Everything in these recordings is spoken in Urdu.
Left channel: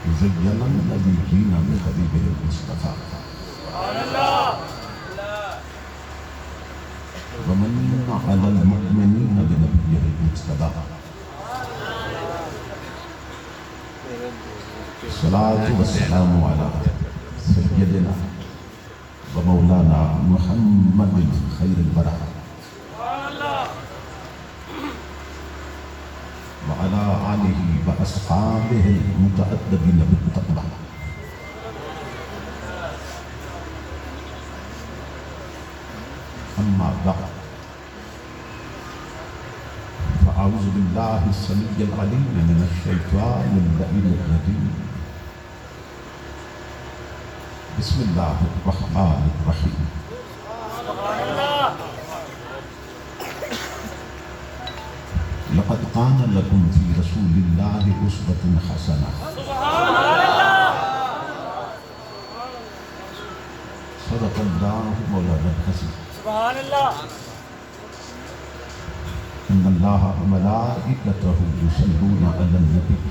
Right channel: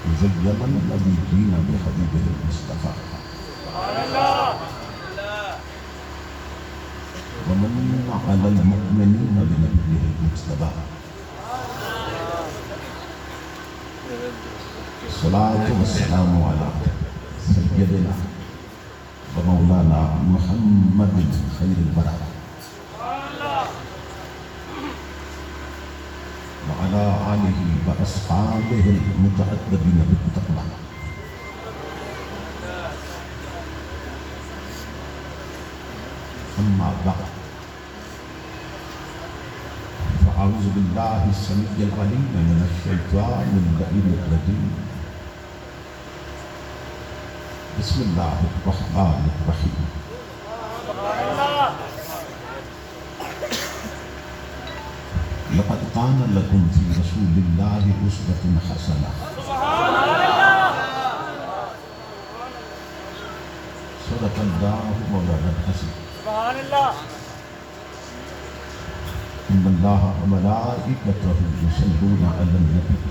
زين النبيين بحبيبه المصطفى ومن على المؤمنين بنبيه المجتبى الصلاة والسلام على سيدنا ومولانا محمد خير البرر وعلى آله وأصحابه المتأدبين بالتقوى أما بعد فأعوذ بالله السميع العليم من الشيطان اللعين الرجيم بسم الله الرحمن الرحيم لقد كان لكم في رسول الله أسوة حسنة صدق الله مولانا الحسن إن الله وملائكته يصلون على النبي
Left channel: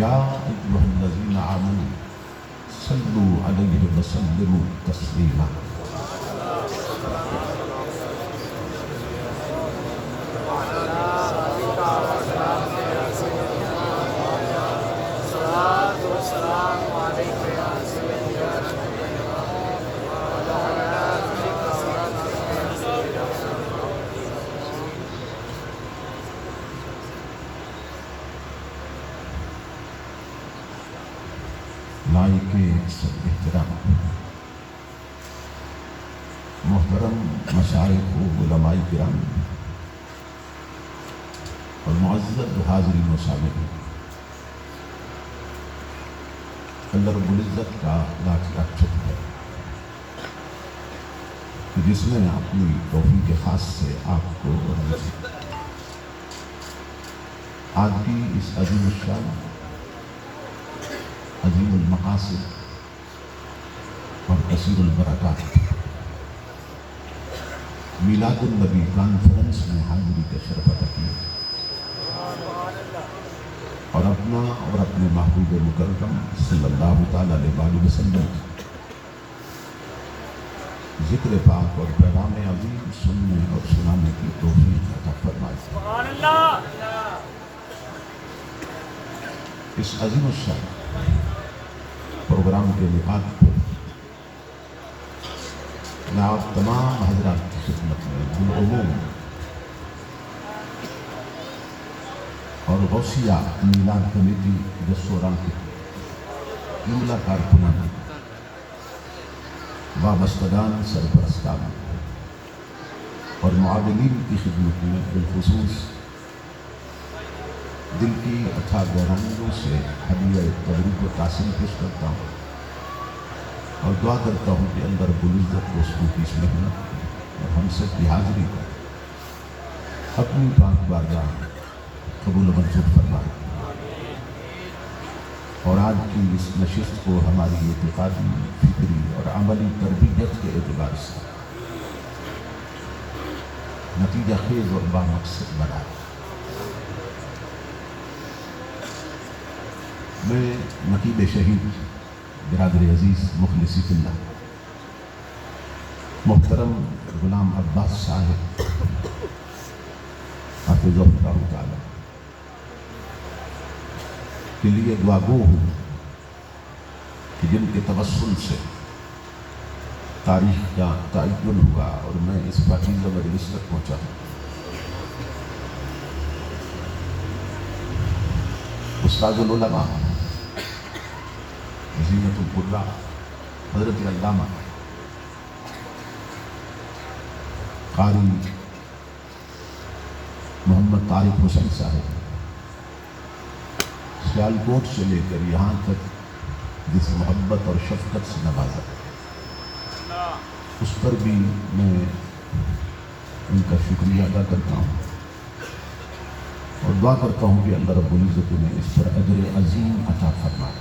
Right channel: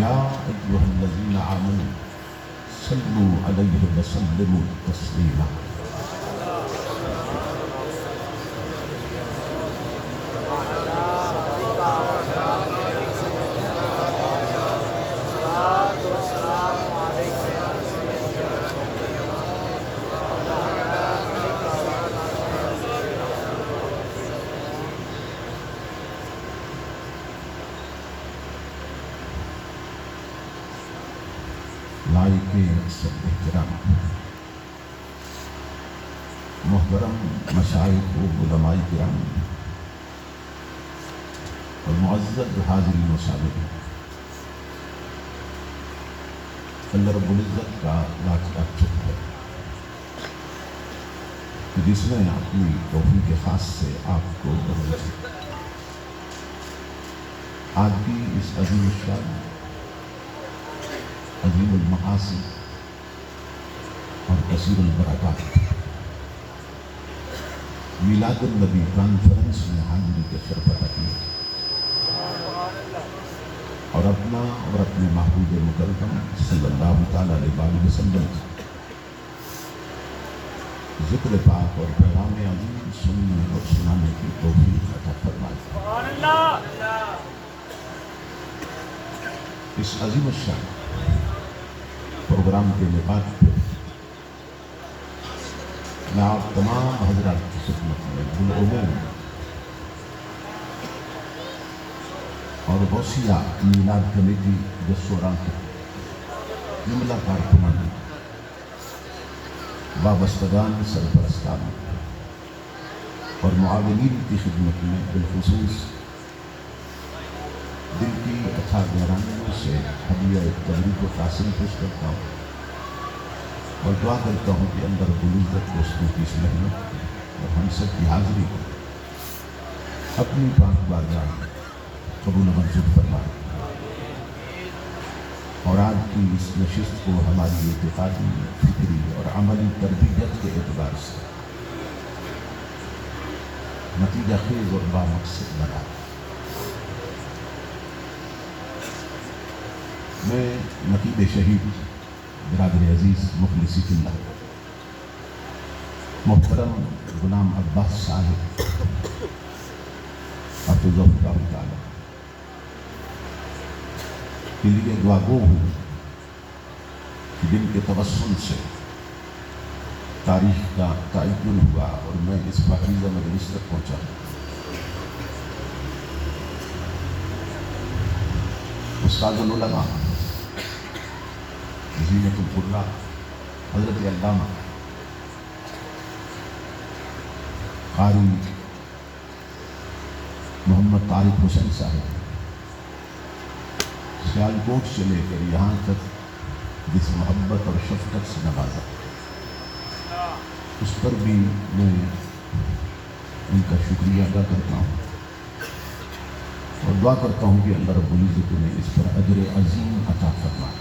يا أيها الذين آمنوا صلوا عليه وسلموا تسليما لائق سب احترام محترم مشائخ و علماء کرام اور معزز حاضرین و سامعین، اللہ رب العزت کا لاکھ لاکھ شکر ہے کہ جس نے اپنی توفیق خاص سے آپ کو آج کی اس عظیم الشان عظیم المقاصد اور کثیر البرکات میلاد النبی کانفرنس میں حاضری کے شرف عطا کیے اور اپنا اور اپنے محبوب مکرم صلی اللہ تعالیٰ علیہ وسلم ذکر پاک اور پیغام عظیم سننے اور سنانے کی توفیق عطا فرمائے۔ اس عظیم الشان پروگرام کے نکات پر میں آپ تمام حضرات کی خدمت میں بالعموم اور غوثیہ میلاد کمیٹی دستوراں کے جملہ کارکنان وابستگان سرپرستان اور معاونین کی خدمت میں بالخصوص دل کی اتھا گہرائیوں سے ہدیہ تبریک و قاسم پیش کرتا ہوں اور دعا کرتا ہوں کہ اللہ رب العزت کو اس کی اس محنت اور ہم سب کی حاضری اپنی پاک بارگاہ قبول و منظور فرمائے اور آج کی اس نشست کو ہماری اعتقادی، فکری اور عملی تربیت کے اعتبار سے نتیجہ خیز اور بامقصد بنائے۔ میں نقیب شہید برادر عزیز مخلصی اللہ محترم غلام عباس صاحب حافظہ اللہ تعالی کے لیے دعا گو ہوں کہ جن کے توسل سے تاریخ کا تعین ہوا اور میں اس پاکیزہ مجلس تک پہنچا ہوں۔ استاد العلماء زینت القرآن حضرت علامہ قاری محمد طارق حسین صاحب سیالکوٹ سے لے کر یہاں تک جس محبت اور شفقت سے نوازا، اس پر بھی میں ان کا شکریہ ادا کرتا ہوں اور دعا کرتا ہوں کہ اللہ رب العزت نے اس پر اجر عظیم عطا فرمائے۔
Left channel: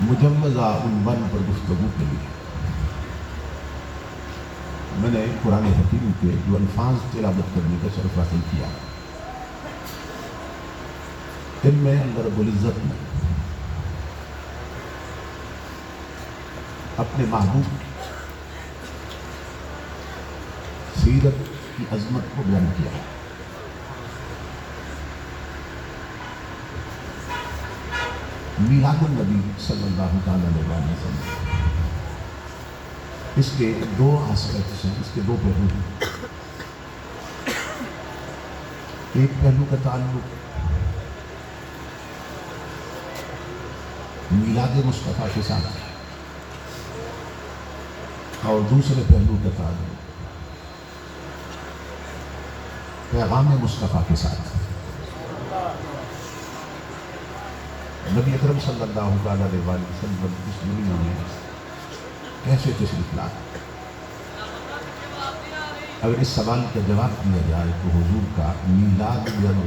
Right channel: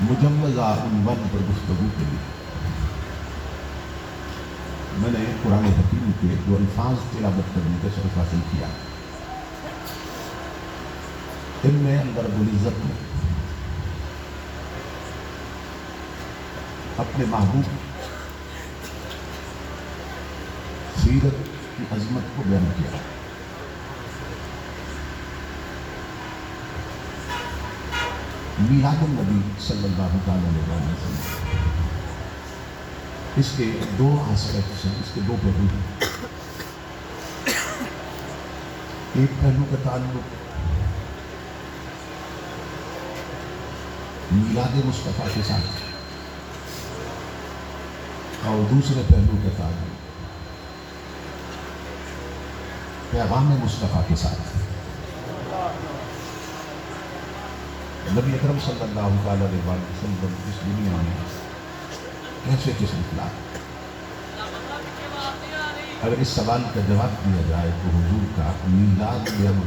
مجوزہ عنوان پر گفتگو کے لیے میں نے قرآن حکیم کے جو الفاظ تلاوت کرنے کا شرف حاصل کیا، ان میں اللہ رب العزت نے اپنے محبوب سیرت کی عظمت کو بیان کیا۔ میلاد النبی صلی اللہ علیہ وسلم، اس کے دو آسپیکٹس ہیں، اس کے دو پہلو ہیں۔ ایک پہلو کا تعلق میلاد مصطفیٰ کے ساتھ اور دوسرے پہلو کا تعلق پیغام مصطفیٰ کے ساتھ۔ نبی اکرم صلی اللہ علیہ وسلم اس دنیا میں کیسے تشریف لائے؟ اگر اس سوال کا جواب دیا جائے تو حضور کا میلاد یوم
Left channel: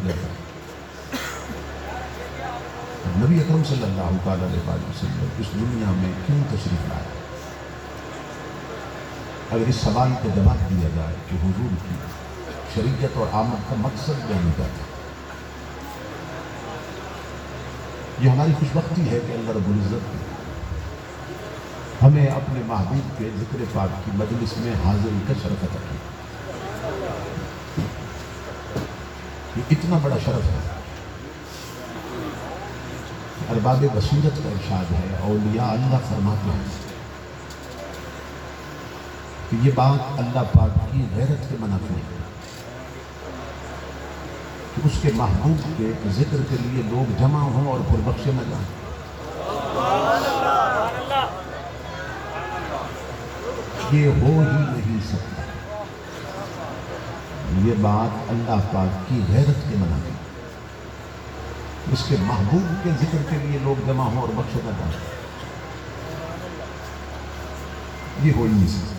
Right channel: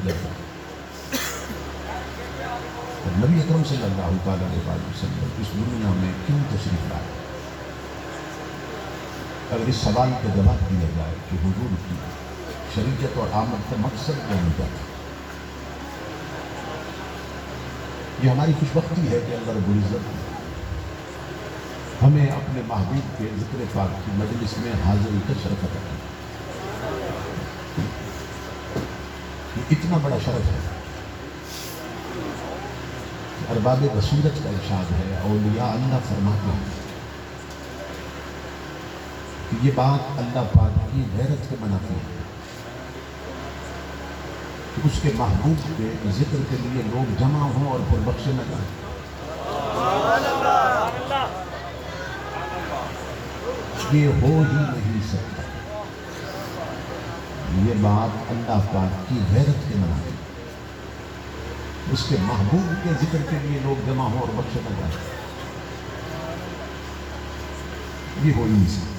نبی اکرم صلی اللہ علیہ وسلم اس دنیا میں کیوں تشریف لائے؟ اگر اس سوال کا جواب دیا جائے کہ حضور کی شریعت اور آمد کا مقصد کیا ہوتا ہے، یہ ہماری خوش بختی ہے کہ اللہ رب العزت ہمیں اپنے محبوب کے ذکر پاک کی مجلس میں حاضری کا شرف عطا کیا۔ یہ اتنا بڑا شرف ہے کہ ارباب بصیرت کا ارشاد ہے، اولیاء اللہ فرماتے ہیں کہ یہ بات اللہ پاک کی غیرت کے منافی ہے کہ اس کے محبوب کے ذکر کے لیے لوگ جمع ہوں اور پھر بخشے نہ جائیں۔ یہ ہو ہی نہیں سکتا، یہ بات اللہ پاک کی غیرت کے منافی ہے، اس کے محبوب کے ذکر کے لیے لوگ جمع ہوں اور بخشے نہ جائیں، یہ ہو ہی نہیں سکتا۔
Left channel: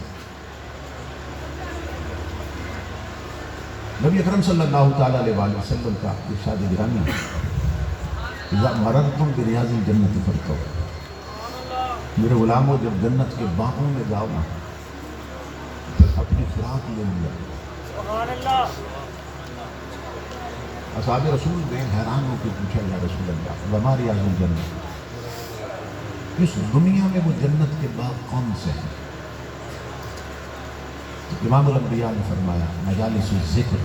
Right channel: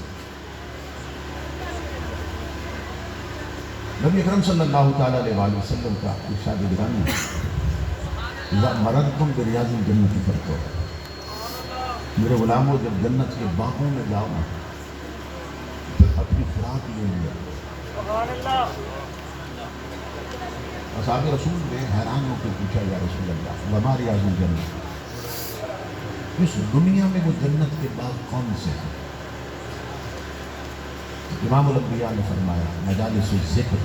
نبی اکرم صلی اللہ تعالیٰ علیہ وسلم کا ارشاد گرامی ہے، اذا مررتم بریاض الجنت فرتعوا، میرے غلاموں جب جنت کے باغوں میں جاؤ اپنی فراق لے لیا۔ اصحاب رسول نے حیران ہو کے پوچھا، یا رسول اللہ وما ریاض الجنت، اس دنیا میں وہ جنت کے باغ کون سے ہیں؟ امام الانبیاء نے فرمایا مجالس الذکر،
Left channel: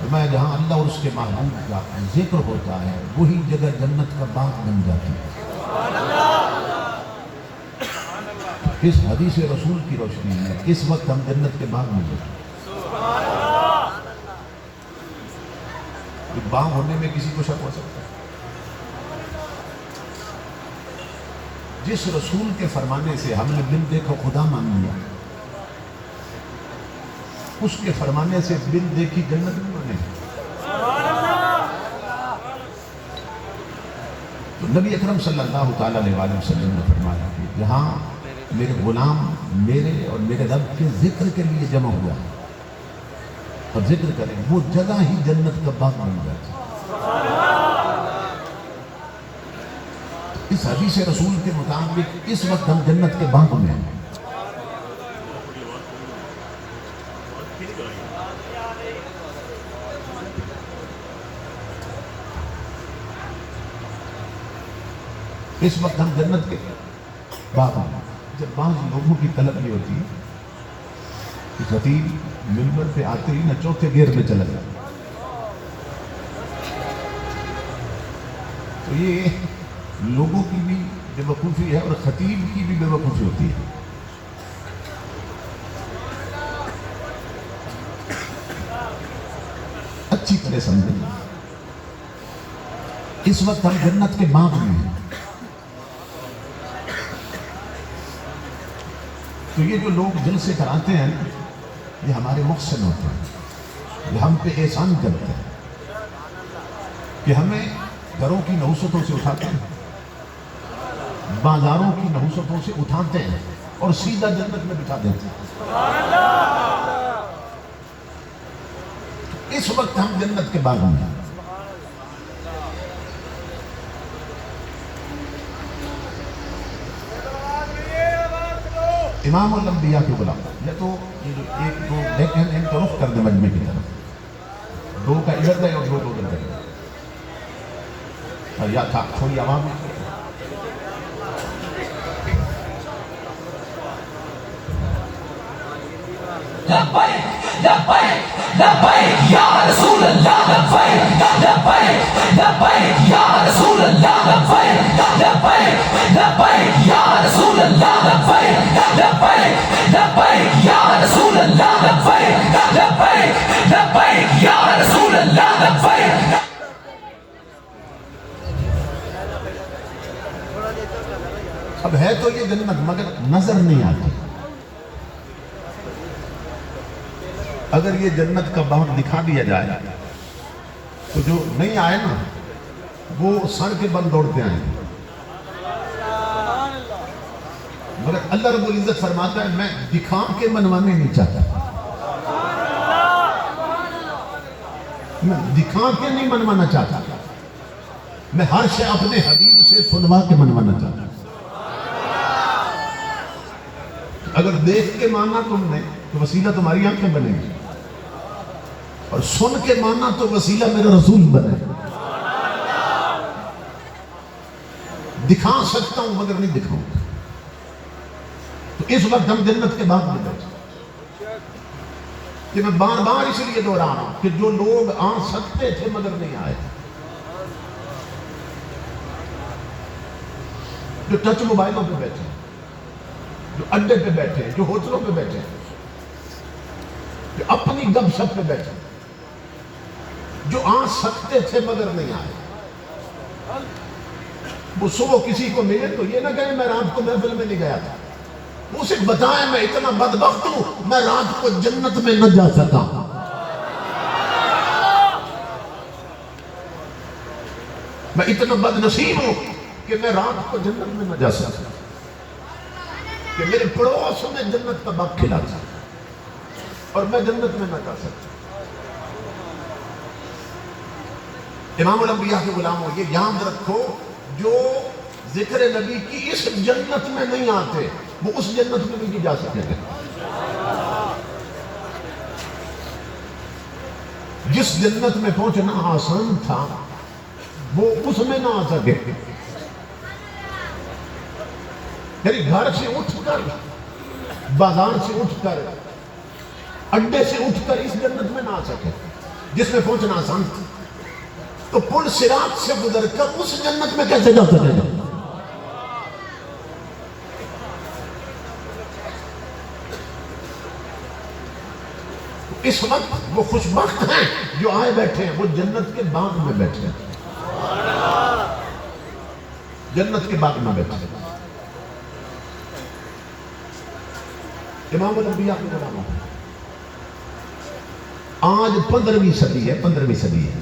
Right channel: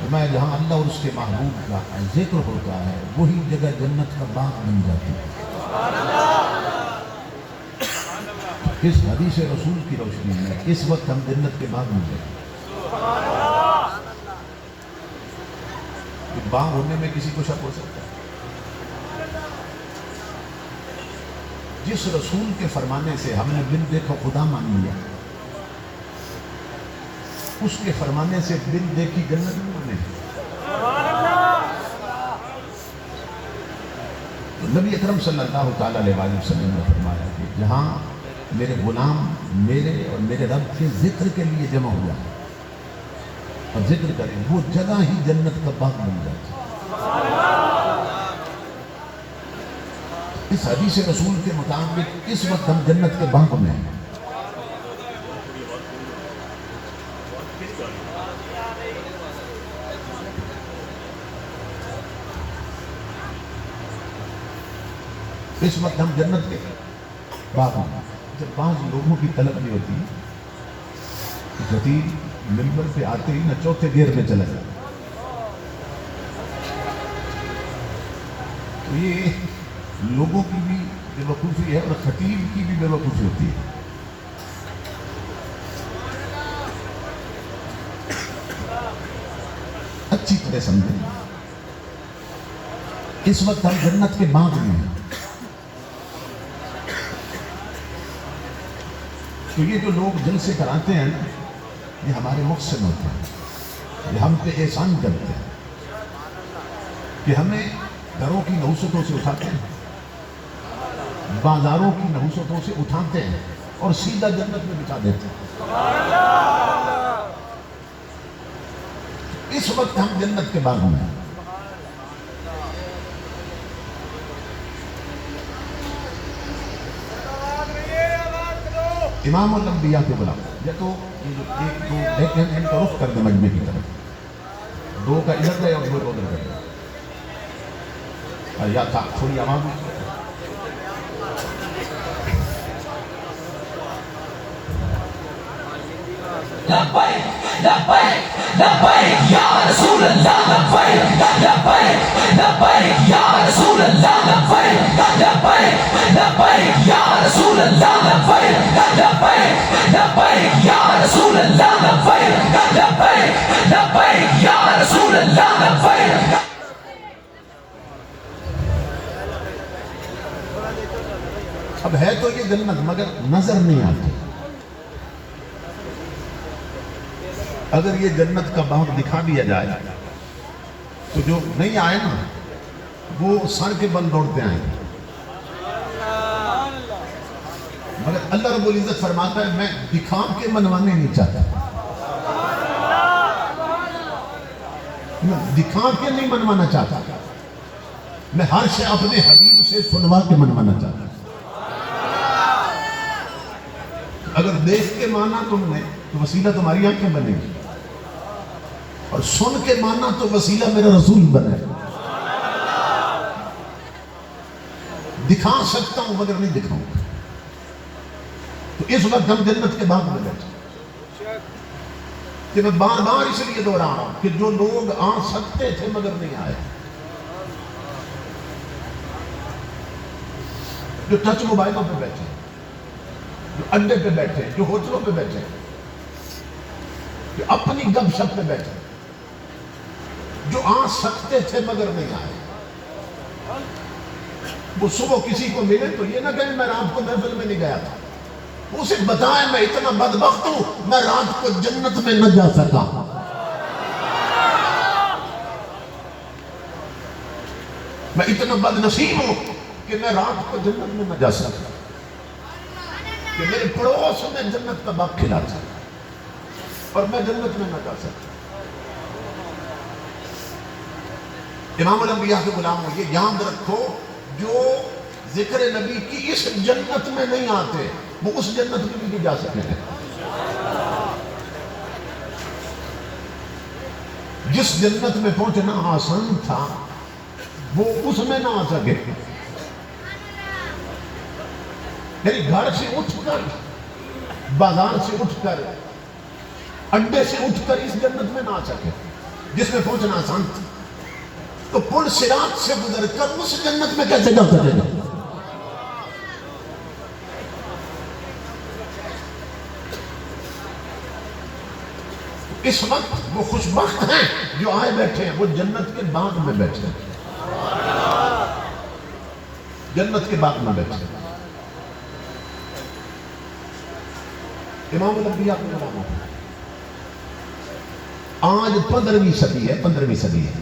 فرمایا جہاں اللہ اور اس کے محبوب کا ذکر ہوتا ہے وہی جگہ جنت کا باغ بن جاتی ہے۔ اس حدیث رسول کی روشنی میں اس وقت ہم جنت کے باغ میں ہیں۔ باغ ہونے میں کسی کو شک ہو سکتا ہے؟ جس رسول کے فرمانے سے ہم نے بن دیکھا خدا مان لیا، اس کے فرمانے سے بن دیکھی جنت میں مانے۔ تو نبی اکرم صلی اللہ تعالیٰ علیہ وسلم نے فرمایا کہ جہاں میرے غلام میرے اور میرے رب کے ذکر کے لیے جمع ہو جائے اور ذکر کریں، وہ جگہ ہی جنت کا باغ بن جاتی ہے۔ اس حدیث رسول کے مطابق اس وقت ہم جنت کے باغ میں ہیں۔ اس وقت ہم جنت کے باغ میں۔ جب بعض لوگوں کی طلب یہ ہوتی ہے کہ خطیب منبر پہ آتے ہی نہ چوتھے گیئر میں چلا جائے، تو یہ لوگوں کی بھی بے وقوفی ہے اور خطیب کی بھی بے وقوفی ہوتی ہے۔ اچھی طرح سمجھیں، اس وقت ہم جنت کے باغ میں ہیں۔ تو یہ جو لوگ دل سے کراتے ہیں یہ ہمارے محسن ہوتے ہیں، یہ ہم پہ احسان کرتے ہیں کہ ہمیں گھروں کی نحوستوں سے اٹھاتے ہیں، بازاروں کی نحوستوں سے اٹھاتے ہیں اور سیدھا جنت میں بٹھا دیتے ہیں۔ اس وقت ہم جنت کے باغ میں ہیں۔ امام الانبیاء کے غلام. یا تو یہ جو ایک دو بیٹھے ہیں ان کا رخ کر دے مجمع کی طرف. دو کا ادھر دے اور دو ادھر دے. اور یا تھا تھوڑی عوام لبیک لبیک لبیک یا رسول اللہ لبیک لبیک لبیک یا رسول اللہ لبیک لبیک لبیک یا رسول اللہ لبیک لبیک لبیک یا رسول اللہ لبیک لبیک لبیک یا رسول اللہ لبیک. اب ہے تو یہ جنت مگر نظر نہیں آتی. اگر یہ جنت کا باغ دکھا دیا جائے تو جو نہیں آئے نا وہ سر کے بل دوڑتے آئیں گے. مگر اللہ رب العزت فرماتا ہے میں دکھا کے منوانے نہیں چاہتا. میں دکھا کے نہیں منوانا چاہتا. میں ہر شے اپنے حبیب سے سنوا کے منوانا چاہتا. اگر دیکھ کے مانا تم نے تو وسیلہ تمہاری آنکھیں بنے گی اور سن کے ماننا تو وسیلہ میرا رسول بنے. دکھا سکتا ہوں مگر نہیں دکھاؤں گا. تو اس وقت ہم جنت کے باغ میں بیٹھے کہ میں بار بار اس لیے دوہرا رہا ہوں کہ جو لوگ آ سکتے تھے مگر نہیں آئے, جو ٹچ موبائلوں پہ بیٹھے, جو اڈے پہ بیٹھے, جو ہوٹلوں پہ بیٹھے, جو اپنی گپ شپ پہ بیٹھے, جو آ سکتے تھے مگر نہیں آئے, وہ صبح کسی کو ملے تو یہ نہ کہیں میں رات کو محفل میں نہیں گیا تھا. اسے بتائیں میں اتنا بدبخت ہوں میں رات کو جنت میں نہ جا سکا. میں اتنا بد نصیب ہوں کہ میں رات کو جنت میں نہ جا سکا, کہ میرے پڑوس میں جنت کا باغ کھلا تھا اور میں جنت میں نہ جا سکتا. امام الانبیاء کے غلاموں یہ یاد رکھو جو ذکر نبی کی اس جنت میں نہیں آتے وہ اس جنت میں بھی نہیں جا سکتے. جس جنت میں پہنچنا آسان تھا وہ اس میں نہ آ سکے. یعنی گھر سے اٹھ کر, بازار سے اٹھ کر, اڈے سے اٹھ کر اس جنت میں نہ آ سکے جس میں پہنچنا آسان تھا. تو پل صراط سے گزر کر اس جنت میں کیسے جا سکے گا؟ اس وقت وہ خوشبخت ہیں جو آئے بیٹھے ہیں, وہ جنت کے باغ میں بیٹھے ہیں, جنت کے باغ میں بیٹھے ہیں. امام الانبیاء کے غلاموں آج 15ویں صدی ہے, 15ویں صدی ہے.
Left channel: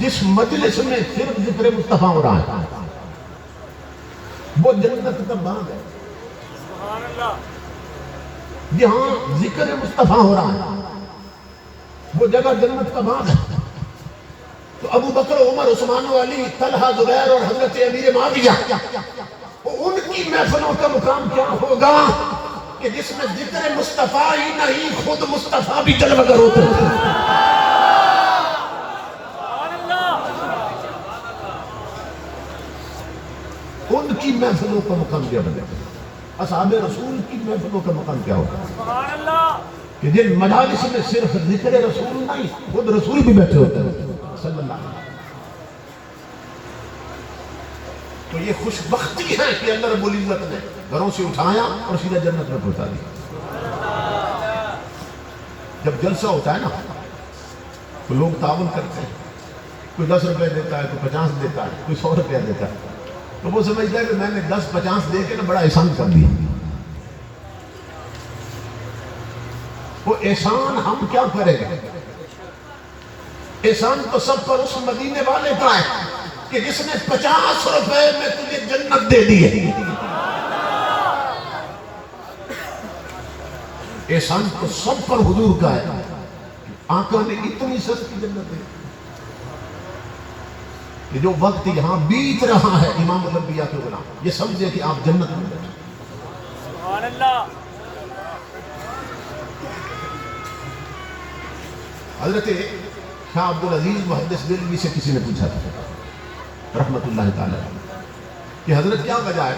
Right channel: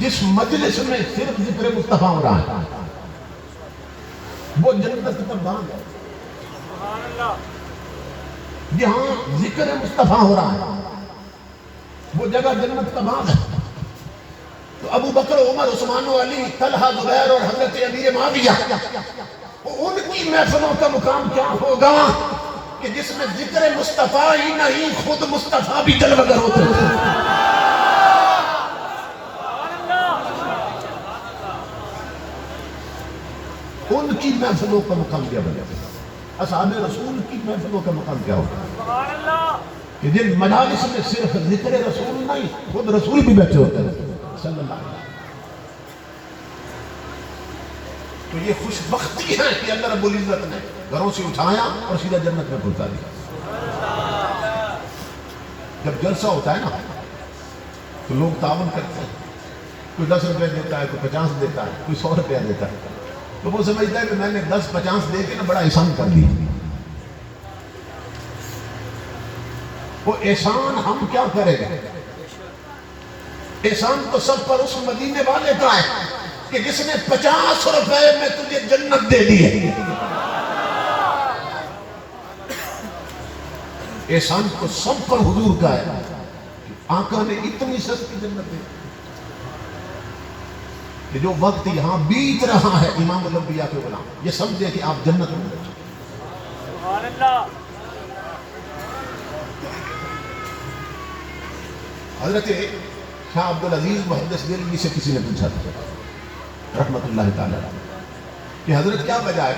جس مجلس میں صرف ذکر مصطفیٰ ہو رہا ہے وہ جنت کا باغ ہے. جہاں ذکر مصطفیٰ ہو رہا ہے وہ جگہ جنت کا باغ ہے. تو ابو بکر, عمر, عثمان و علی, طلحہ, زبیر اور حضرت امیر معاویہ, ان کی محفلوں کا مقام کیا ہوگا کہ جس میں ذکر مصطفیٰ ہی نہیں خود مصطفیٰ بھی جلوگر ہوتے ہیں. ان کی محفلوں کا مقام کیا بنے گا؟ اصحاب رسول کی محفلوں کا مقام کیا ہوگا کہ جن مجالس میں صرف ذکر رسول نہیں خود رسول بھی بیٹھے ہوتے ہیں صلی اللہ علیہ وسلم. تو یہ خوش بختی ہے کہ اللہ رب العزت نے گھروں سے اٹھایا اور سیدھا جنت میں پہنچا دیا. جب جلسہ ہوتا ہے نا تو لوگ تعاون کرتے ہیں, کوئی 10 روپے دیتا ہے, کوئی 50 دیتا ہے, کوئی 100 روپیہ دیتا ہے. تو وہ سمجھتا ہے کہ میں نے 10-50 دے کے نا بڑا احسان کر دیا. وہ احسان ہم کیا کریں گے؟ احسان تو سب پر اس مدینے والے کا ہے کہ جس نے 50 روپے میں تجھے جنت دے دی ہے. احسان تو سب پر حضور کا ہے کہ آقا نے اتنی سستی جنت دی کہ جو وقت یہاں بیت رہا ہے امام الانبیاء کے غلام یہ سمجھے کہ آپ جنت میں بیٹھے. حضرت شاہ عبدالعزیز محدث دہلوی سے کسی نے پوچھا تھا رحمت اللہ تعالی کہ حضرت کیا وجہ ہے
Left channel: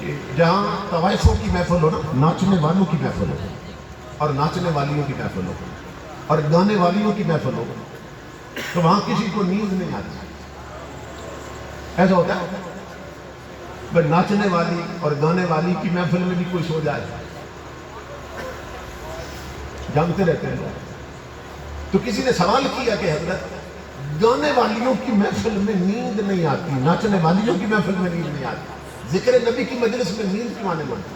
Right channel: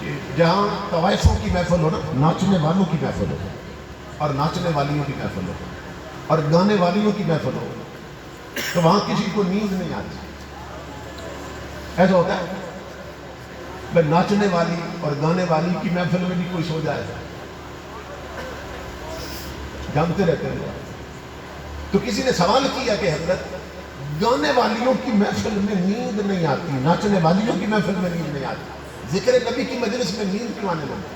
کہ جہاں طوائفوں کی محفل ہو نا، ناچنے والوں کی محفل ہو اور ناچنے والیوں کی محفل ہو اور گانے والیوں کی محفل ہو تو وہاں کسی کو نیند نہیں آتی. ایسا ہوتا ہے بھائی ناچنے والی اور گانے والی کی محفل میں بھی کوئی سو جائے، جانتے رہتے ہیں. تو کسی نے سوال کیا کہ حضرت گانے والیوں کی محفل میں نیند نہیں آتی، ناچنے والیوں کی محفل میں نیند نہیں آتی، ذکر نبی کی مجلس میں نیند کیوں آنے لگتی؟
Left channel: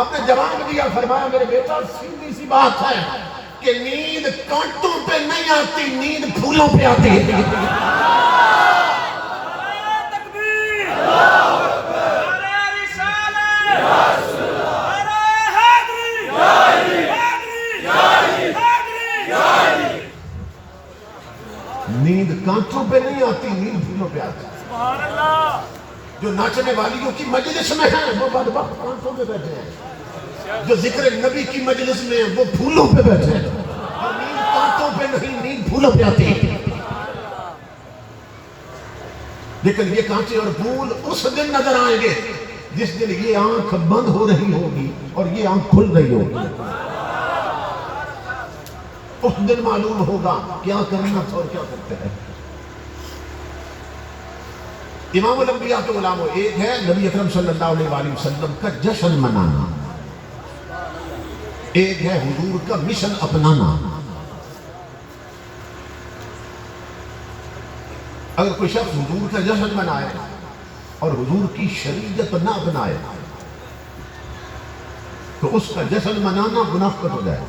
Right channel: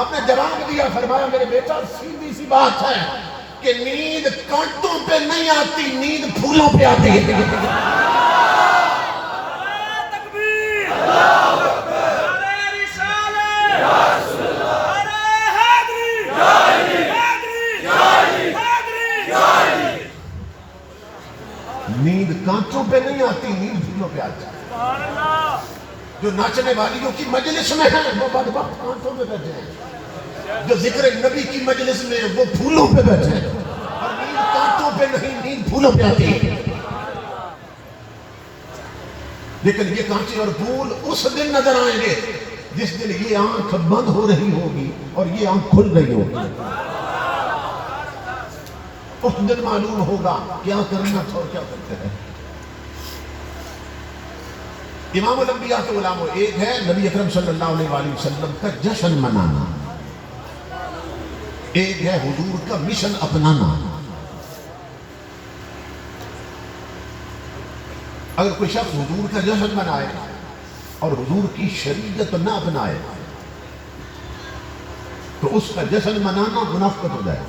آپ نے جواب دیا، فرمایا میرے بیٹا سیدھی سی بات ہے کہ نیند کانٹوں پہ نہیں آتی، نیند پھولوں پہ آتی ہے. نیند کانٹوں پہ نہیں آتی، نیند پھولوں پہ آتی. جو ناچنے والیوں کی مجلس میں ہیں وہ بدبخت کانٹوں پہ بیٹھے ہیں، جو ذکر نبی کی مجلس میں ہیں وہ پھولوں پہ بیٹھے ہیں. اور نیند کانٹوں پہ نہیں، نیند پھولوں پہ آتی ہے. لیکن یہ کانٹے اور پھول اس دن نظر آئیں گے جس دن یہ آنکھ بند ہو رہی ہوگی اور یہ آنکھ کھل رہی ہوگی. اس دن معلوم ہوگا کیا کرنا تھا اور کیا کرتے ہیں. امام الانبیاء کے علماء، ایک ہے نبی اکرم صلی اللہ علیہ وآلہ وسلم کا جشن منانا، ایک ہے حضور کا مشن اپنانا. اگر کوئی شخص حضور کا جشن منائے اور حضور کی شریعت نہ اپنائے تو اس کا جشن منانا منافقت ہو جائے.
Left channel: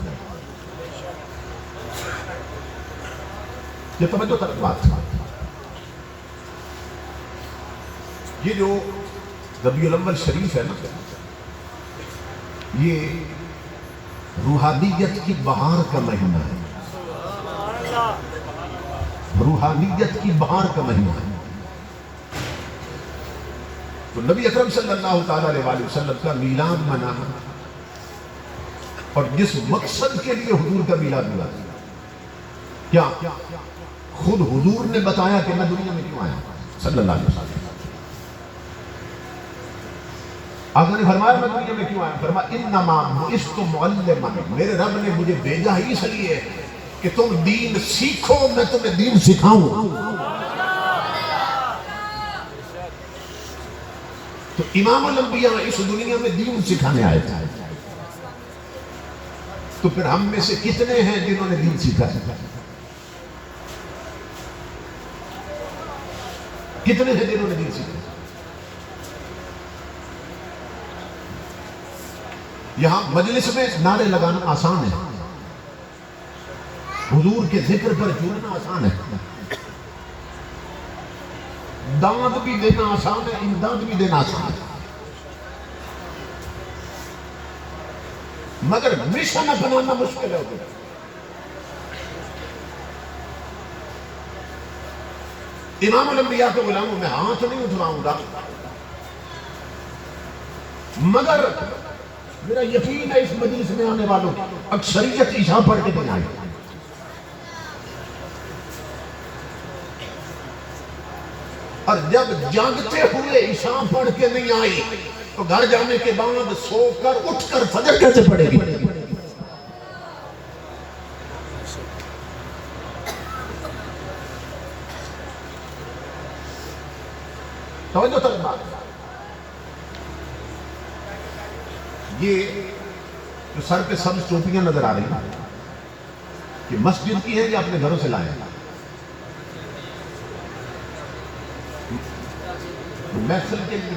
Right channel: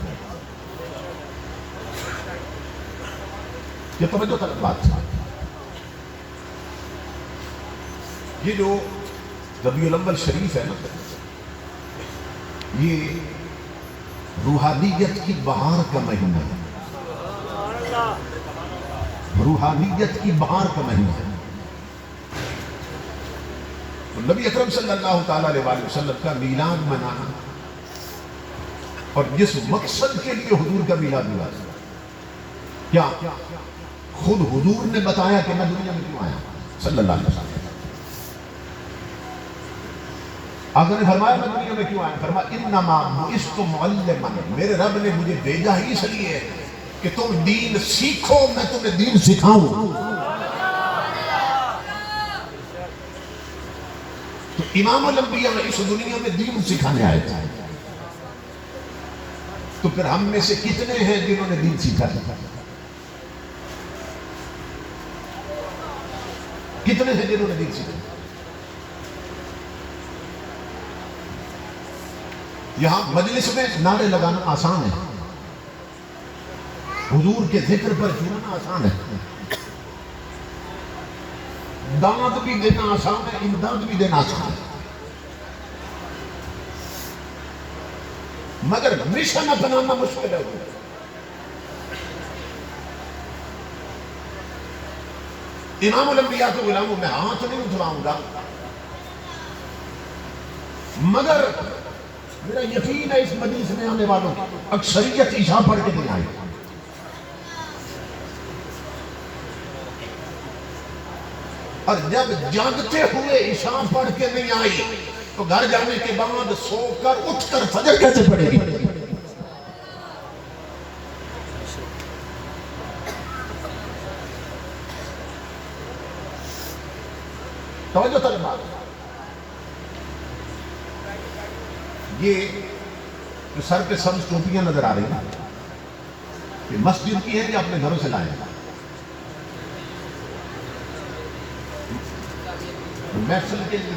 یہ توجہ کر بات. یہ جو ربیع الاول شریف ہے نا، یہ روحانیت کی بہار کا مہینہ ہے، روحانیت کی بہار کا مہینہ ہے. تو نبی اکرم صلی اللہ تعالی علیہ وآلہ وسلم کا میلاد منانا اور جس مقصد کے لیے حضور کا میلاد ہوا ہے، کیا خود حضور نے بتایا کہ میں دنیا میں کیوں آیا صلی اللہ علیہ وسلم. آقا نے فرمایا میں دنیا میں کیوں آیا؟ فرمایا انما بعثت معلما، میرے رب نے مجھے بھیجا ہی اس لیے کہ تم دین سیکھو، میں تمہیں دین سکھاؤں. تو امام الانبیاء اس دنیا میں دین سکھانے آئے تھے. تو پھر ہم میں سے کتنے ہیں جنہوں نے دین سیکھا؟ کتنے ہیں جنہوں نے دین سیکھا؟ یہاں مجلس میں نعرے لگانا آسان ہے، حضور کے ذکر پر جھومنا آسان ہے، دعوت بھی دینا آسان ہے، امداد بھی دینا آسان ہے، مگر مشن اپنانا مشکل ہے. امام الانبیاء کے غلاموں میں ہاتھ نہیں اٹھواؤں گا، مگر میرا یقین ہے اس مجلس میں آنے والوں اکثریت عشاء پڑھ کے نہیں آئی. اور جب جاگتے ہوئے عشاء پڑھ کے نہیں آئی تو گھر جانے کے بعد سو کر اٹھ کر فجر کیسے پڑھے گی؟ توجہ تک بات. یہ جو سر پہ سبز ٹوپیاں نظر آ رہی ہیں یہ مسجد کی ہے یا اپنے گھروں سے لائے ہیں؟ محفل کے لیے،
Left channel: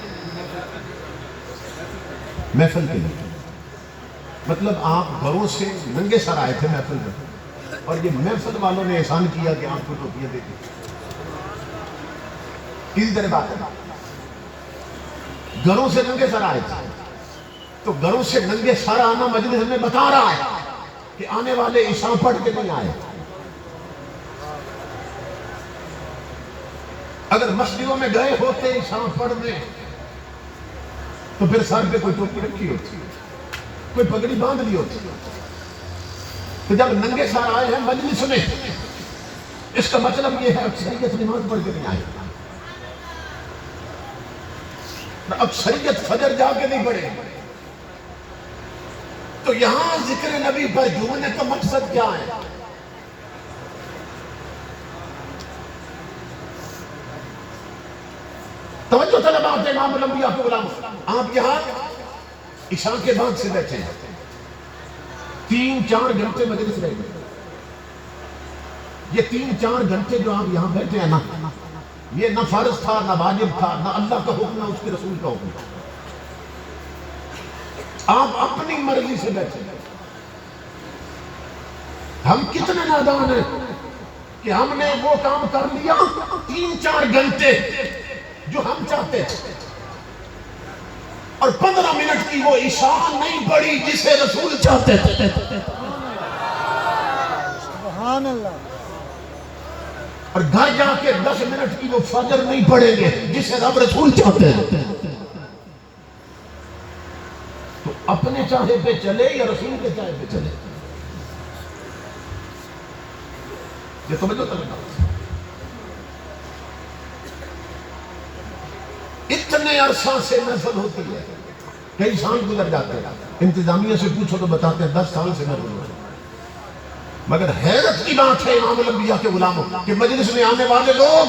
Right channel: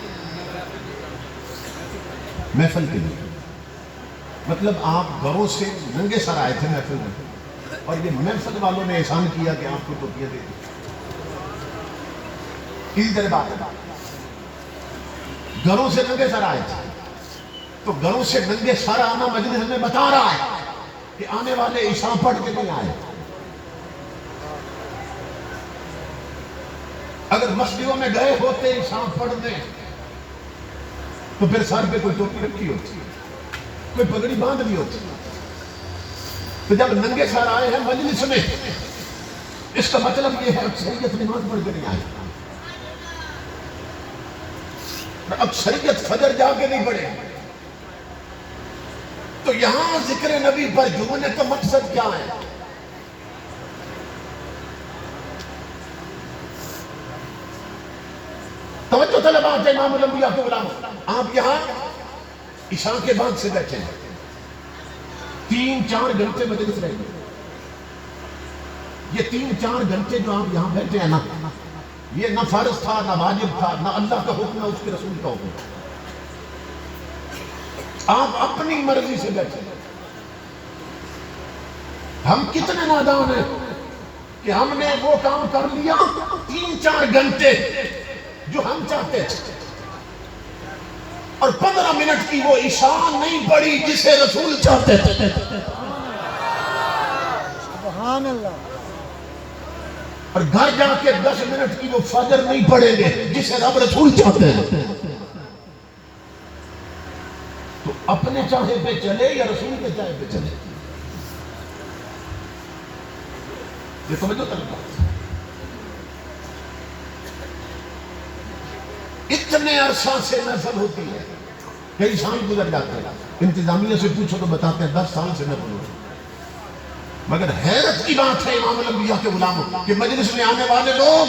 محفل کے لیے مطلب آپ گھروں سے ننگے سر آئے تھے محفل میں اور یہ محفل والوں نے احسان کیا کہ آپ کو ٹوپیاں دے دی. اسی طرح بات ہے، گھروں سے ننگے سر آئے تھے تو گھروں سے ننگے سر آنا مجلس میں بتا رہا ہے کہ آنے والے عشاء پڑھ کے نہیں آئے. اگر مسجدوں میں گئے ہوتے عشاء پڑھنے تو پھر سر پہ کوئی ٹوپی رکھی ہوتی، کوئی پگڑی باندھ لی ہوتی. تو جب ننگے سر آئے ہیں مجلس میں، اس کا مطلب یہ ہے اکثریت نماز پڑھ کے نہیں آئے، اکثریت فجر جا کے نہیں پڑھے. تو یہاں ذکر نبی پر جھومنے کا مقصد کیا ہے؟ توجہ طلبات امام الانبیاء کے غلام، آپ یہاں عشاء کے بعد سے بیٹھے ہیں، 3-4 گھنٹے مجلس رہے گی. یہ 3-4 گھنٹے جو آپ یہاں بیٹھے ہیں نا، یہ نہ فرض تھا، نہ واجب تھا، نہ اللہ کا حکم ہے، اس کے رسول کا حکم ہے. آپ اپنی مرضی سے بیٹھے. ہم کتنے نادان ہیں کہ ہم نے وہ کام کر لیا 3-4 گھنٹے جو ہم چاہتے تھے، اور 15 منٹ کی وہ عشاء نہیں پڑی جسے رسول چاہتے تھے. سبحان اللہ. اور گھر جا کے 10 منٹ کی وہ فجر نہیں پڑھیں گے جسے رب رسول چاہتے ہیں. تو اپنے چاہے پہ چلے یا رسول کے چاہے پہ چلے؟ یہ سمجھو طریقہ. اتنے عرصہ سے محفل ہوتی ہے، کئی سال گزر جاتے ہیں، انتظامیہ سے پوچھو تو بتاتے ہیں 10 سال سے محفل ہوتی ہے. مگر حیرت کی بات ہے امام الانبیاء کے غلاموں کہ مجلس میں آنے والے لوگ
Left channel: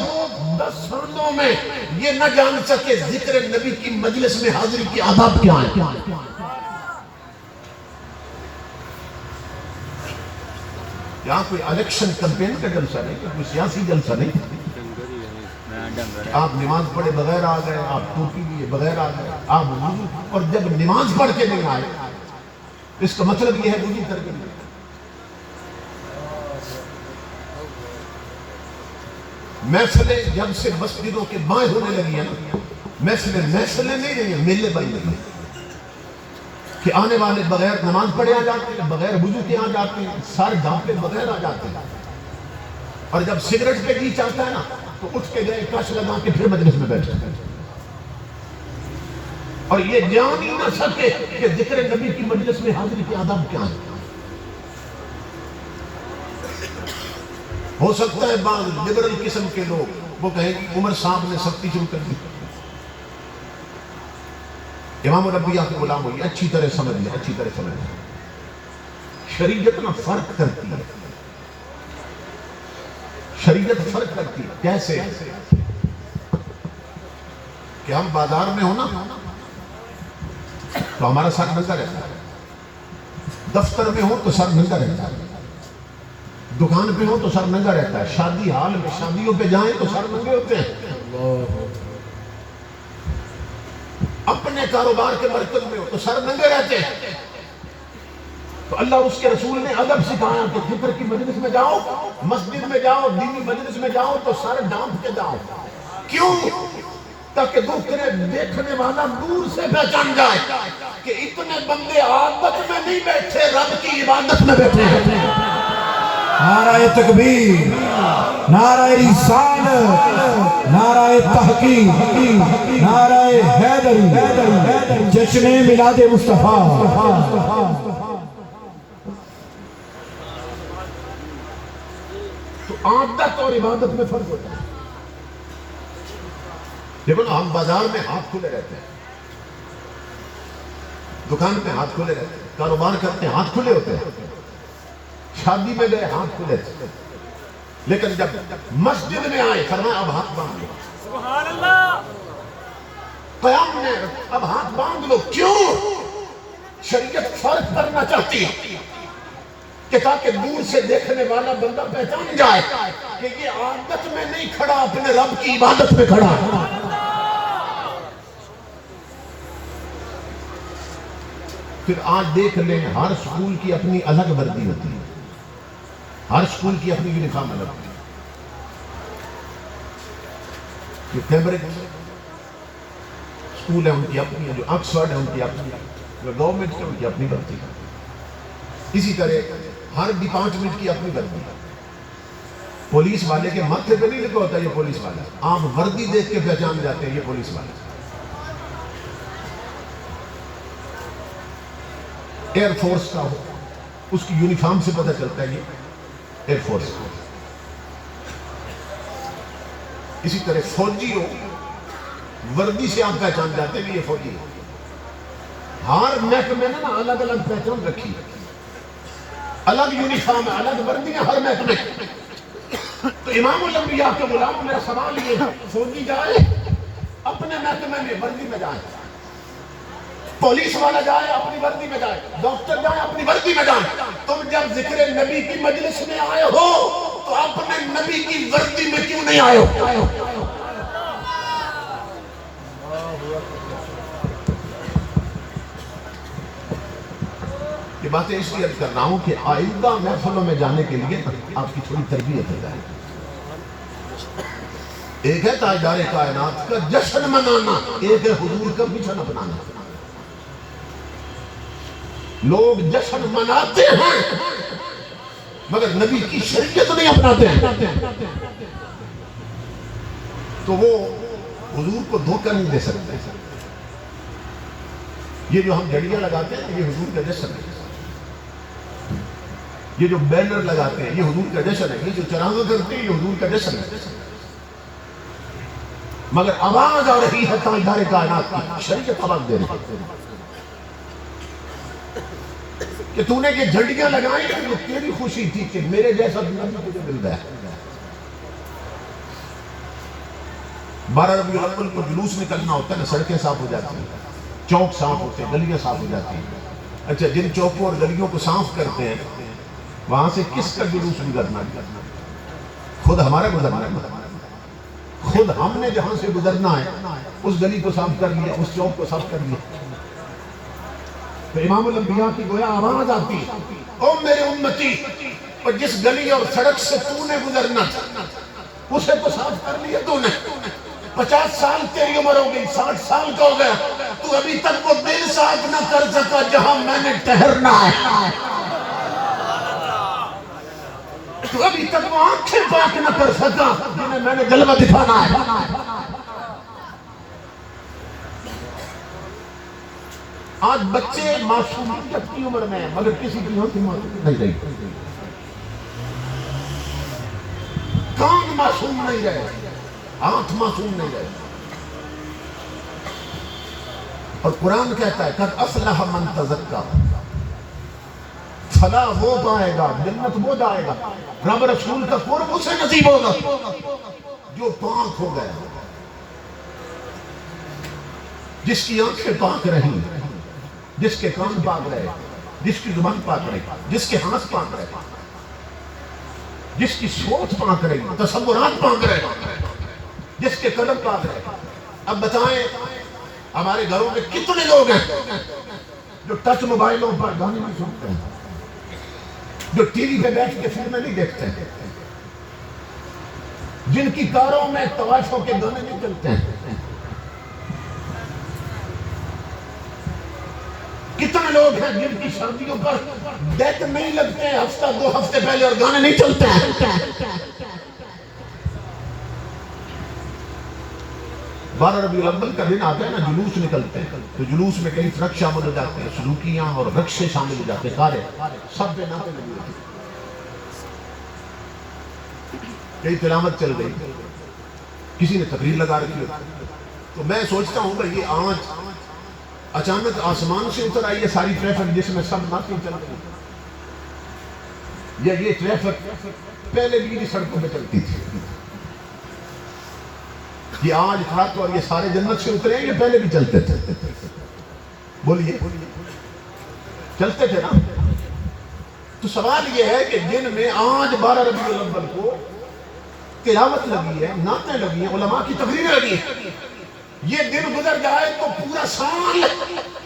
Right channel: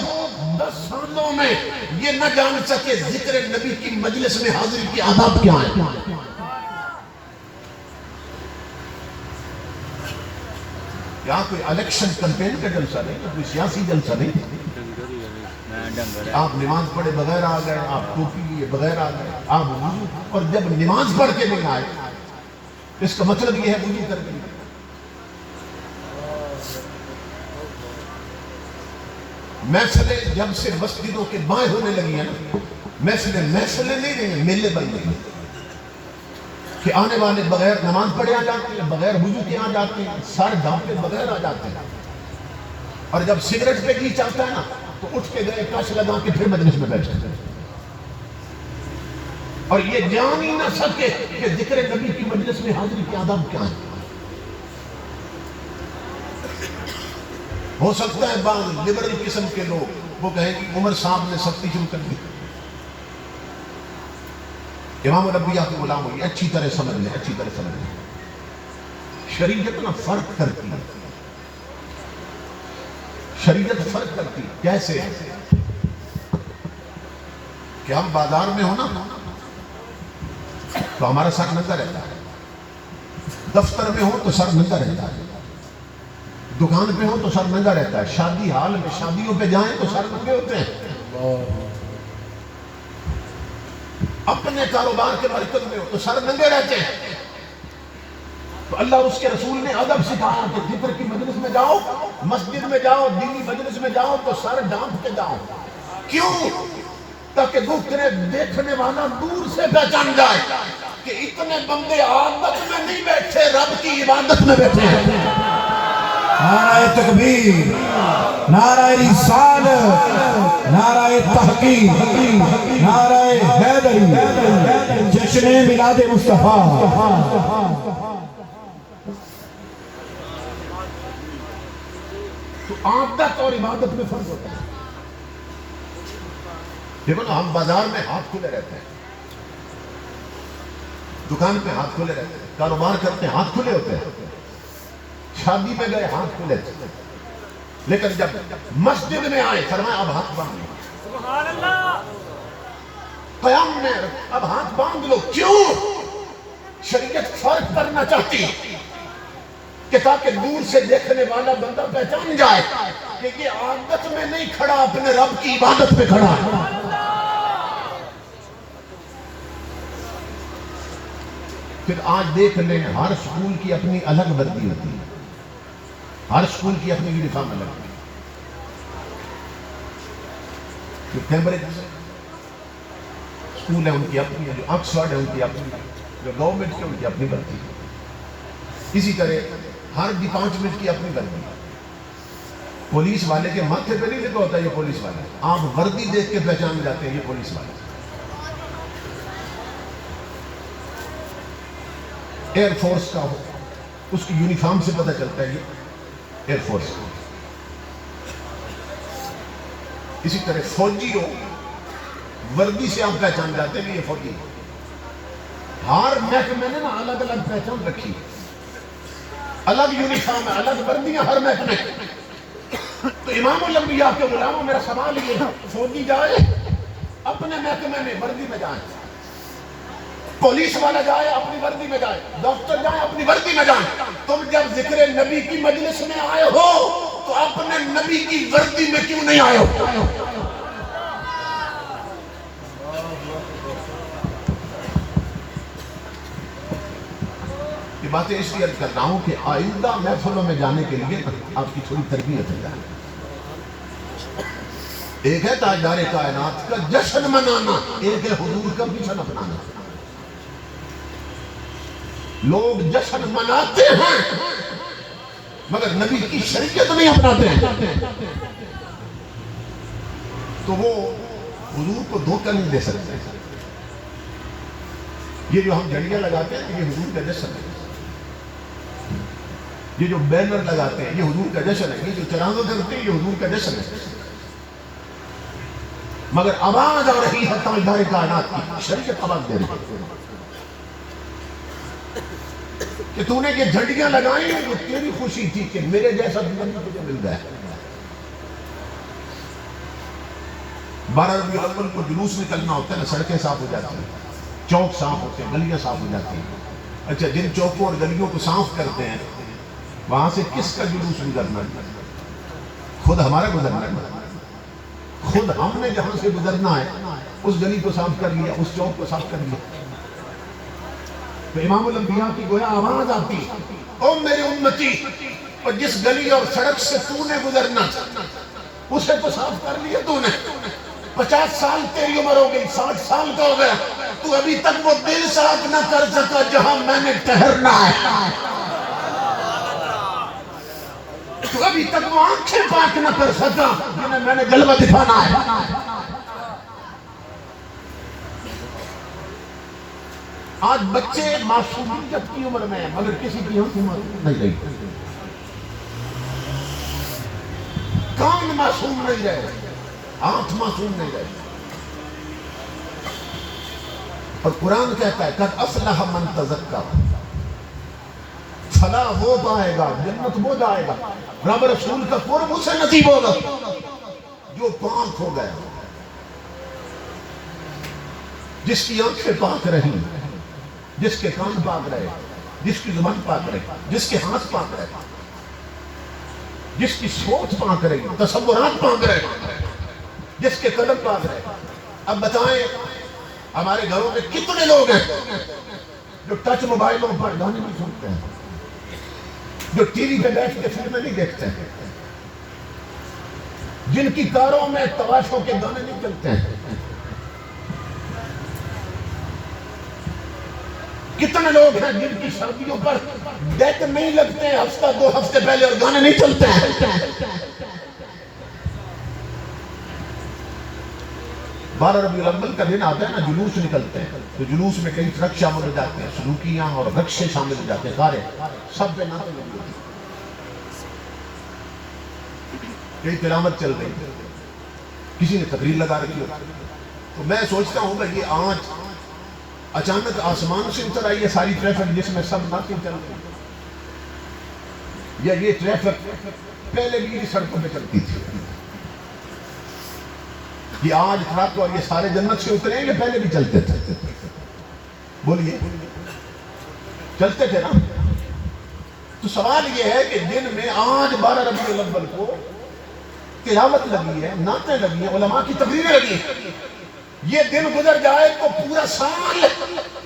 10 سالوں میں یہ نہ جان سکے ذکر نبی کی مجلس میں حاضری کی آداب کیا ہے. یہاں کوئی الیکشن کمپین کا جلسہ نہیں، کوئی سیاسی جلسہ نہیں. آپ نماز پڑھے بغیر آ گئے، آپ ٹوپی لیے بغیر آ گئے، آپ وضو، اور جب نماز پڑھ کے نہیں آئے اس کا مطلب یہ ہے وضو کر کے نہیں. محفلیں جب سے مسجدوں کے بائیں ہونے لگی ہیں، محفلیں نہیں رہی ہیں، میلے بن گئی ہیں کہ آنے والے بغیر نماز پڑھے آ جاتے ہیں، بغیر وضو کے آ جاتے ہیں، سر ڈھانپے بغیر آ جاتے ہیں. اور جب سگریٹ پہ جی چلتا ہے نا تو اٹھ کے گئے کش لگا کے پھر مجلس میں بیٹھے. اور یہ جان ہی نہ سکے کہ ذکر نبی کی مجلس میں حاضری کے آداب کیا ہے. ہو سکتا ہے بعض لبرل قسم کے لوگ وہ کہیں کہ عمر صاحب نے سختی شروع کر دی. امام الانبیاء کے غلام ہوئی اچھی طرح سمجھ لیں، اچھی طرح سمجھ لیں. شریعت میں فرق کرتی ہے، شریعت فرق کرتی ہے. کیسے؟ کہ ہم بازار میں ہو نا تو ہمارا سر ننگا رہتا ہے، دفتر میں ہو تو سر ننگا رہتا ہے، دکان پہ ہو تو سر ننگا رہتا ہے، شادی حال میں شادیوں پہ جائیں تو سر ننگے ہوتے ہیں، اپنے کاروبار کے مرکز میں ہو تو سر ننگے رہتے ہیں. تو اللہ اس کے رسول نے ادب سکھایا کہ ذکر کی مجلس میں جاؤ، مسجد میں جاؤ، دینی مجلس میں جاؤ تو سر ڈانپ کے جاؤ. کیوں؟ تاکہ دوسرے دیکھنے والا دور سے پہچان جائے کہ اتنے بندے عادت میں نہیں بیٹھے، رب کی عبادت میں بیٹھے ہیں. نعرہ تکبیر، نعرہ رسالت، نعرہ تحقیق، نعرہ حیدری، جشن میلاد مصطفیٰ. تو عادت اور عبادت میں فرق ہوتا ہے. دیکھو نا، ہم بازار میں ہاتھ کھلے رہتے ہیں، دکان پہ ہاتھ کھلے رہتے ہیں، کاروبار کرتے ہیں ہاتھ کھلے ہوتے ہیں، شادی میں گئے ہاتھ کھلے تھے. لیکن جب مسجد میں آئے فرمایا اب ہاتھ باندھ لو. قیام میں اب ہاتھ باندھ لو. کیوں؟ شریعت فرق کرنا چاہتی ہے کہ تاکہ دور سے دیکھنے والا بندہ پہچان جائے کہ یہ عادت میں نہیں کھڑا، اپنے رب کی عبادت میں کھڑا ہے. پھر آج دیکھ لیں، ہر سکول کی اپنی الگ وردی ہوتی ہے، ہر سکول کی اپنی یونیفارم الگ ہوتی ہے. جو کیمبرج سکول ہے ان کی اپنی ہے، جو آکسفورڈ ہے ان کی اپنی ہے، جو گورنمنٹ ہے ان کی اپنی وردی ہے. اسی طرح ہر ڈپارٹمنٹ کی اپنی وردی ہے. پولیس والے کے ماتھے پہ نہیں لکھا ہوتا یہ پولیس والا، آپ وردی دیکھ کے پہچان جاتے ہیں یہ پولیس والا۔ ایئر فورس کا ہو، اس کی یونیفارم سے پتہ چلتا ہے یہ ایئر فورس کا۔ اسی طرح فوجی ہو، وردی سے آپ پہچان جاتے ہیں کہ یہ فوجی ہے۔ ہر محکمے نے نا الگ الگ پہچان رکھی ہے، الگ یونیفارم ہے، الگ وردیاں ہر محکمے۔ تو امام الانبیاء کے غلاموں، میرا سوال یہ ہے، فوجی جائے اپنے محکمے میں وردی میں جائے، پولیس والا جائے اپنی وردی میں جائے، ڈاکٹر جائے اپنی وردی میں جائے، تم جب ذکر نبی کی مجلس میں آئے ہو تو اپنے نبی کی وردی میں کیوں نہیں آئے ہو؟ یہ باتیں اس لیے عرض کر رہا ہوں کہ آئندہ محفلوں میں جانے کے لیے آپ کی تھوڑی تربیت ہو جائے۔ ایک ہے تاجدار کائنات کا جشن منانا، ایک ہے حضور کا جشن اپنانا۔ لوگ جشن مناتے ہیں مگر نبی کی شریعت نہیں اپناتے ہیں، تو وہ حضور کو دھوکہ نہیں دے سکتے۔ یہ جو ہم جڑیاں لگاتے ہیں یہ حضور کا جشن ہے، یہ جو بینر لگاتے ہیں یہ حضور کا جشن ہے، یہ جو چراغاں کرتے ہیں یہ حضور کا جشن ہے، مگر آواز آ رہی ہے تاجدار کائنات کی، شریعت آواز دے رہی ہے کہ تو نے یہ جھنڈیاں لگائیں، یہ تیری خوشی تھی کہ میرے جیسا نبی تجھے مل گیا۔ 12 ربیع الاول کو جلوس نکلنا ہوتا ہے نا، سڑکیں صاف ہو جاتی ہیں، چوک صاف ہوتے ہیں، گلیاں صاف ہو جاتی ہیں۔ اچھا، جن چوکوں اور گلیوں کو صاف کرتے ہیں وہاں سے کس کا جلوس گزرنا ہے؟ خود ہمارا گزرنا ہے، خود ہم نے جہاں سے گزرنا ہے اس گلی کو صاف کر لیا، اس چوک کو صاف کر لیا۔ تو امام الانبیاء کی گویا آواز آتی، او میرے امتی، اور جس گلی اور سڑک سے تو نے گزرنا اسے تو صاف کر لیا تو نے۔ 50 سال تیری عمر ہو گئی، 60 سال کا ہو گیا، تو ابھی تک وہ دل صاف نہ کر سکا جہاں میں نے ٹھہرنا ہے، تو ابھی تک وہ آنکھیں پاک نہ کر سکا جنہیں میں نے جلوہ دکھانا ہے۔ آج بچے معصومیت کی عمر میں ہیں مگر کسی کی آنکھ نہیں رہی، کان معصوم نہیں رہے، آنکھ معصوم نہیں رہے۔ اور قرآن کہتا ہے قد افلح من تزکا، فلاح وہ پائے گا، جنت وہ جائے گا، رب رسول کا قرب اسے نصیب ہوگا جو پاک ہو گیا، جس کی آنکھیں پاک رہی، جس کے کان پاک رہے، جس کی زبان پاک رہی، جس کے ہاتھ پاک رہے، جس کی سوچ پاک رہی، تصورات پاک رہے، جس کے قدم پاک رہے۔ اب بتائیں ہمارے گھروں میں کتنے لوگ ہیں جو ٹچ موبائلوں پر گانے نہیں سنتے ہیں، جو ٹی وی پہ بیٹھ کے فلمیں نہیں دیکھتے ہیں، جن کی کاروں میں طوائفوں کے گانے نہیں چلتے ہیں، کتنے لوگ ہیں جن کی شادیوں پر ڈیٹ نہیں لگتے ہیں ہفتہ 2 ہفتے پہلے اور گانے نہیں چلتے ہیں۔ 12 ربیع الاول کا دن آتا ہے نا، جلوس نکلتے ہیں، تو جلوس میں کئی ٹرک شامل ہو جاتے ہیں، سلوکیاں اور رکشے شامل ہو جاتے ہیں، کاریں سب پہ نعتیں لگی ہوتی ہیں، کئی تلاوت چل رہی ہے، کسی نے تقریر لگا رکھی ہے۔ تو میں سوچتا ہوں بھائی یہ آج اچانک آسمان سے اتر آئی ہے ساری ٹریفک جس میں سب نعتیں چل رہی ہیں، یا یہ ٹریفک پہلے بھی سڑکوں پہ چلتی تھی؟ یہ آج ٹرک اور یہ سارے جنت سے اترے ہیں، یہ پہلے بھی چلتے تھے؟ بولیے، چلتے تھے نا؟ تو سوال یہ ہے کہ جن میں آج 12 ربیع الاول کو تلاوت لگی ہے، نعتیں لگی ہیں، علماء کی تقریریں لگی ہیں، یہ دن گزر جائے تو پورا سال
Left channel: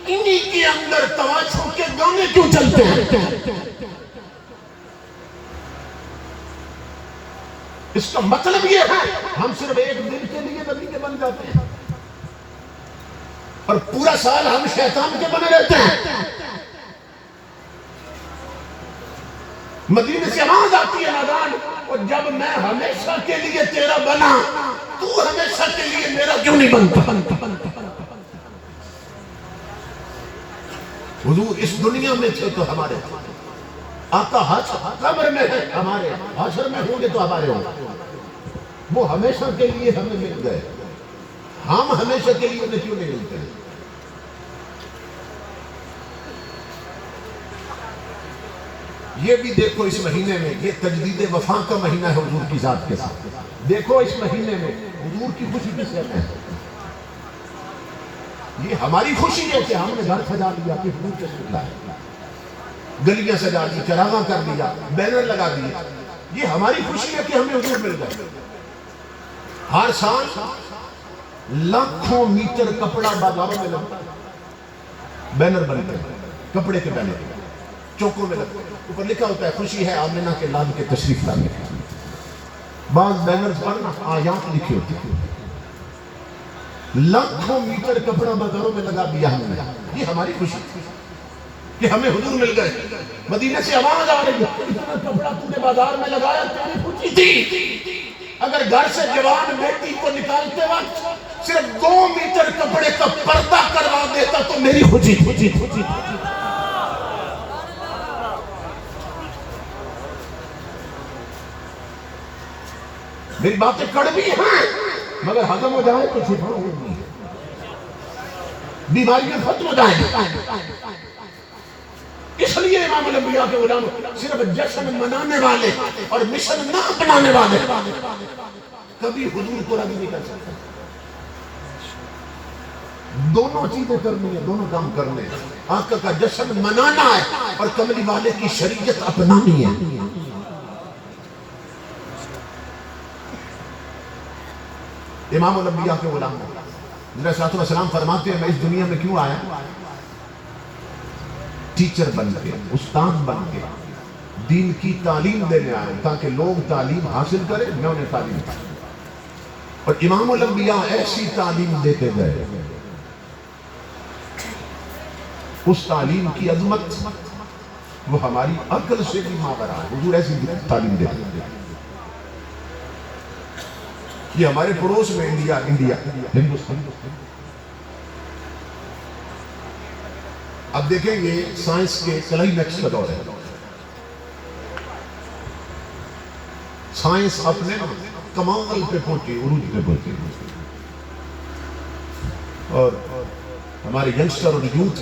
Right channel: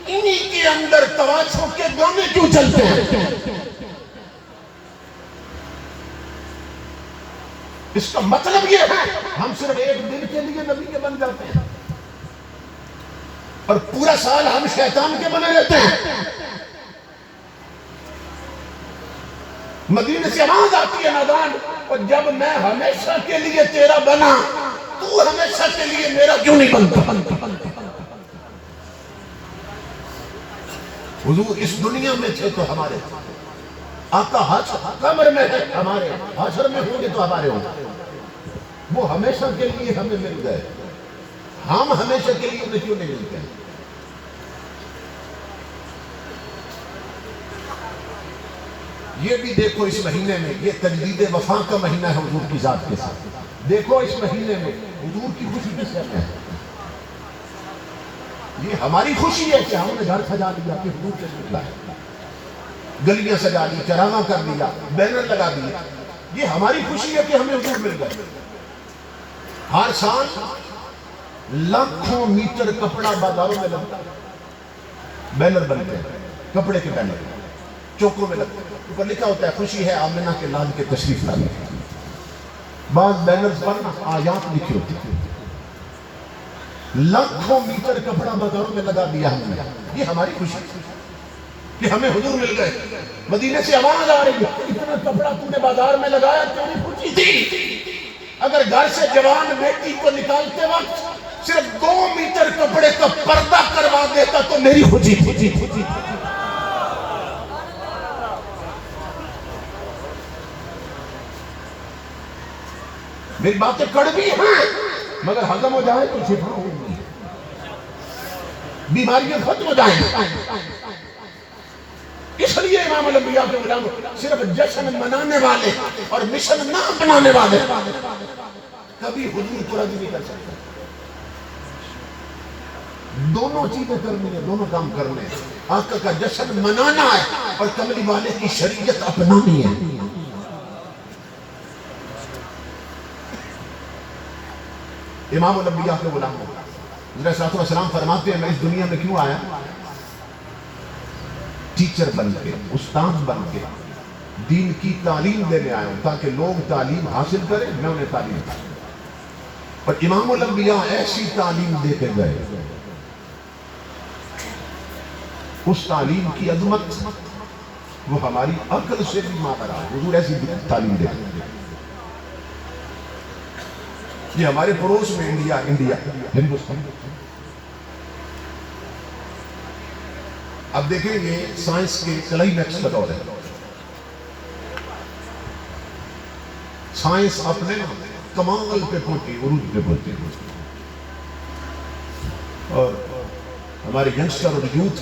انہی کے اندر تواشوں کے گانے کیوں چلتے ہیں؟ اس کا مطلب یہ ہے ہم صرف ایک دن کے لیے نبی کے بن جاتے ہیں اور پورا سال ہم شیطان کے بنے رہتے ہیں۔ مدینے سے آواز آتی ہے نادان، اور جب میں ہمیشہ کے لیے تیرا بنا تو ہمیشہ کے لیے میرا کیوں نہیں بنتا؟ حضور اس دنیا میں تھے تو ہمارے آقا قبر میں ہے ہمارے، حشر میں ہوں گے تو ہمارے ہوں گے۔ وہ ہمیشہ کے لیے ہمیں مل گئے، ہم ہمیشہ کے لیے انہیں کیوں نہیں ملتے؟ یہ بھی دیکھو اس مہینے میں، یہ تجدید وفا کا مہینہ ہے حضور کی ذات کے ساتھ۔ دیکھو اس مہینے میں حضور کی خوشی کس سے ہے؟ یہ ہماری خوشی ہے کہ ہم نے گھر سجا لیا کہ حضور کے نکلا ہے، گلیاں سجا لی، چراغاں کر لیا، بینر لگا دیا، یہ ہماری خوشی ہے کہ ہمیں حضور مل گئے۔ ہر سال لاکھوں میٹر کپڑا بازاروں میں لگتا ہے، بینر بنتے ہیں، کپڑے کے بینر چوکوں میں لگتے ہیں، اوپر لکھا ہوتا ہے خوشی ہے آمنہ کے لال کے تشریف لانے کی۔ بعض بینرز پر آیات لکھی ہوتی ہیں۔ لاکھوں میٹر کپڑا بازاروں میں لگا دیا ہم نے، یہ ہماری خوشی کہ ہمیں حضور مل گئے۔ مدینے سے آواز آ رہی ہے، اتنا کپڑا تو نے بازار میں لگایا، تیری خوشی تھی۔ اگر گھر سے جوان بیٹی کو نکالتے وقت صرف 2 میٹر کپڑے کا پردہ کروا دیتا تو میری خوشی تھی۔ میری باتیں کڑوی ہیں مگر ہضم ہو جائیں تو شفا ہوگی، بیماریاں ختم ہو جائیں گی۔ اس لیے امام الانبیاء کے غلام صرف جشن منانے والے اور مشن نہ اپنانے والے کبھی حضور کو راضی نہیں کر سکتے۔ دونوں چیزیں کرنی ہیں، دونوں کام کرنے ہیں۔ آقا کا جشن منانا ہے اور کملی والے کی شریعت اپنانی ہے۔ امام الانبیاء کے غلام علیہ السلام فرماتے ہیں میں اس دنیا میں کیوں آیا؟ ٹیچر بن کے، استاد بن کے دین کی تعلیم دینے آیا ہوں تاکہ لوگ تعلیم حاصل کریں، میں انہیں تعلیم دوں۔ اور امام الانبیاء ایسی تعلیم دیتے گئے، اس تعلیم کی عظمت وہ ہماری عقل سے بھی ماورا ہے۔ حضور ایسی تعلیم دیتے گئے۔ یہ ہمارے پڑوس میں انڈیا ہندوستان۔ اب دیکھیں یہ سائنس کے کلائمیکس کا دور ہے۔ سائنس اپنے کمال پہ پہنچی، عروج پہ پہنچی، اور ہمارے ینگسٹر اور یوتھ